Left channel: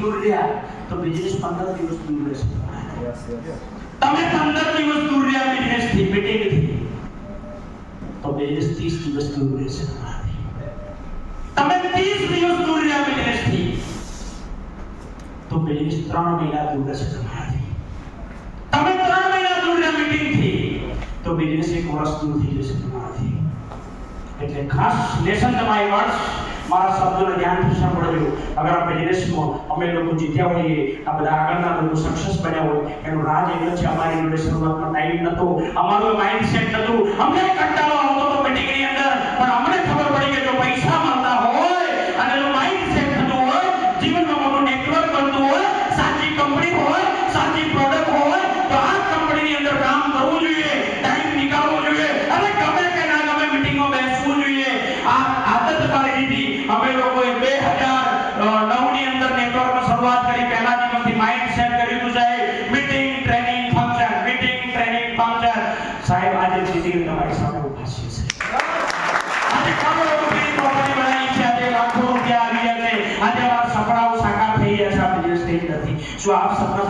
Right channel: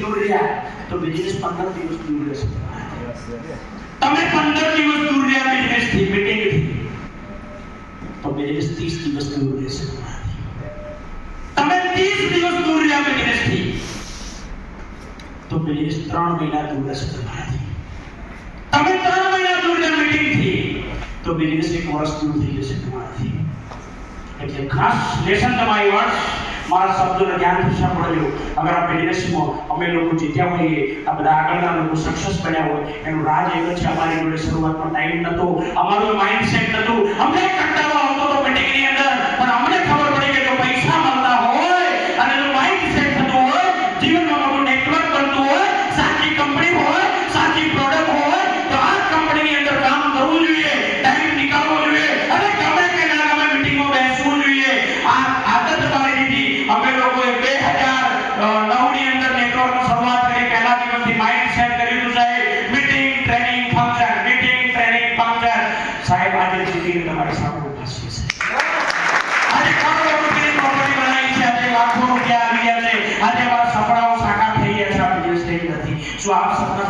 દૂર રહ્યા તો બિઝનેસ પંદર દિવસ દૂર રહેશે તમે પંદર દિવસ દૂર રહ્યા બિઝનેસ થી મીટિંગ થી તો બિઝનેસ ત્રીસ દિવસ દૂર રહેશે તમારાથી. તમે ત્રીસ દિવસ દૂર રહ્યા બિઝનેસ થી તો બિઝનેસ ત્રણ મહિના દૂર રહેશે તમારાથી તમે ત્રણ મહિના દૂર રહ્યા મીટિંગ થી તો બિઝનેસ એક વર્ષ દૂર થઈ જશે તમારાથી એટલે ખાસ લેસન તમારી વર્ષ મારા શબ્દોને ધ્યાનથી સાંભળજો અગર આપણે બિઝનેસમાં અમે લોકો જીત્યા હોઈએ, આ આગળના લોકો સક્સેસ બન્યા હોય, એનું રાજ જ છે અમારી જોડે શરૂઆતમાં ટાઈમ નતો. અમારું માઇન્ડસેટ નતું. અમને કંટાળો આવતો હતો મિટિંગની અંદર, પણ અમને ખબર પડી કે જો પૈસા મળતા હોય અને જો માઇન્ડસેટ થતું હોય, જીવનમાં મોટું નેટવર્ક બનતું હોય, સાચી કંપની હોય, સાચી પ્રોડક્ટ હોય, તો આ કંપનીની અંદર કામ કરવું જોઈએ ટાઈમ નીકાળવો જોઈએ. અને ગમે કે ના ગમે મિટિંગમાં બેસવું જોઈએ. આ આદત શરૂઆત કરી, પહેલા દિવસથી માઇન્ડ સેટ કરી દીધું સાહેબ meeting training function meeting training function સાહેબ, આજે જીતીને તમારી સામે ઊભા છે. આજે કરોડો રૂપિયાની પ્રોપર્ટી બનાવી છે. આજે લાખો રૂપિયા આવી ગયા છે. આજે અમારા સપનાઓ સાકાર થઈ ગયા છે. આ બિઝનેસ નથી. શું આપ સપના